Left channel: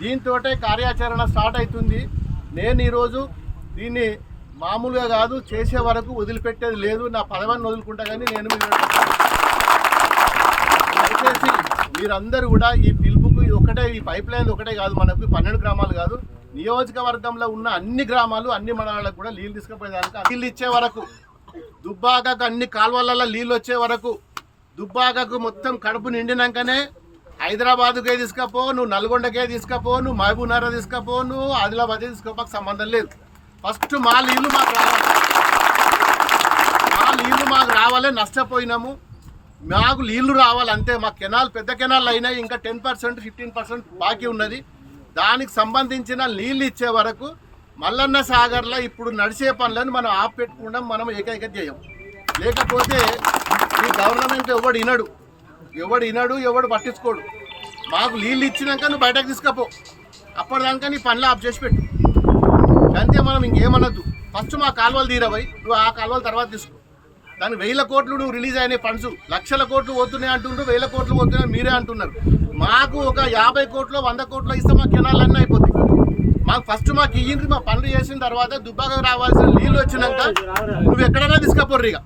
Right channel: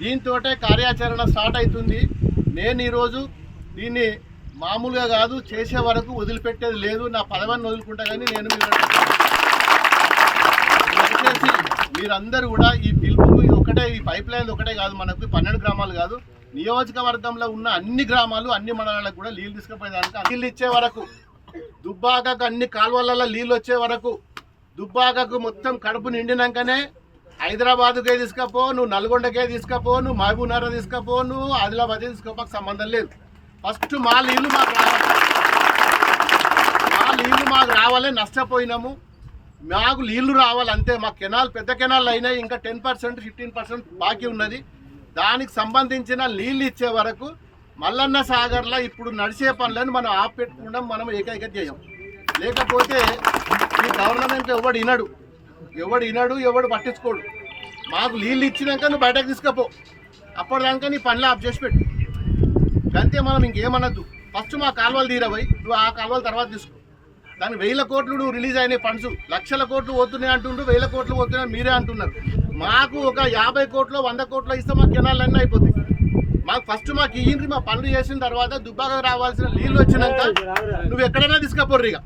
దీంతో కార్యాచరణ స్టార్ట్ అవుతుంది. నేను ఈరోజు దీన్ని మామూలుగా కాదు చేసే వరకు వదిలిపెట్టేది లేదు. నా పదవిని వదులుకుంటా కానీ నేను దయచేసి మీరందరూ కూడా ఈ పిలుపుకు ఒకటే ఈ పైప్ లైన్ ఒకటే కాదు మనకు పన్నెండు గ్రామాలు కాదు. నియోజకవర్గంలో ఉన్న అన్ని గ్రామాలు అన్ని మండలాలకు కూడా నీళ్ళు తీసుకుపోయేదానికి నీళ్ళు ఇచ్చే వరకు దుబ్బాకకు అన్ని కాలువలలో నీళ్ళు వచ్చే వరకు దుబ్బాకకు మొత్తం కడుపు నిండినాకనే హైదరాబాద్కే తీసుకపో నువ్వు నల్గొండకే తీసుకపో నువ్వు మహబూబ్నగర్ తీసుకపో నువ్వు ఆదిలాబాద్ తీసుకపోక సంబంధం లేదు. ఫస్ట్ మా నీళ్ళు మాకు రావాలి. మా నీళ్ళు మాకు రావాలి నష్టపోయినాము. మాకు నీళ్ళు రావాలి అంతే. మా కెనాల్ పెద్ద కెనాల్ అయినాయి ఇంకా టెన్ పర్సెంట్ ఫిఫ్టీన్ పర్సెంట్ బాకీ ఉన్నది. దానికి సంబంధించిన నీళ్ళు ఇచ్చే వరకు మల్లన్న సాగర్లో ఇప్పుడు నడిచే పనులను మనం ఆపెట్టుకుంటాం మనం ఏకైక చేయం లేకపోతే ఈ గవర్నమెంట్ ఎవడు వినడు. ఎవడు వినడు ఎవడు పట్టించుకోడు. మాకు నీళ్ళు ఇచ్చినాక నువ్వు బయటకు తీసుకపో. అప్పటిదాకా నీ పనులు ఆఫ్ చేసి పెట్టు. అంతే మనం ఇంకేమనద్దు. ఫస్ట్ మా కాలువలు తీరవై నువ్వు ఆ కాలువల తర్వాత తీసుకో. దాని వేల కోట్లు నువ్వు రిలీజ్ అయిన ఫండ్స్. లక్షల కోట్లు పోతున్నాయి అంటుండ్రు వేల కోట్లు పోతున్నాయి మీరే అంటున్నారు. మాకు ఒక యాభై కోట్లు వంద కోట్లు ఇస్తే మా కెనాలన్నీ అయిపోతాయి. మాకు ఫస్ట్ మాకు ఇయ్యిండ్రి మా పనులు చేసిన తర్వాత దుబ్బాక రావాల్సిన నీళ్ళు వచ్చినాక నువ్వు ఎక్కడైనా తీసుకపోర్రిగా ఇక.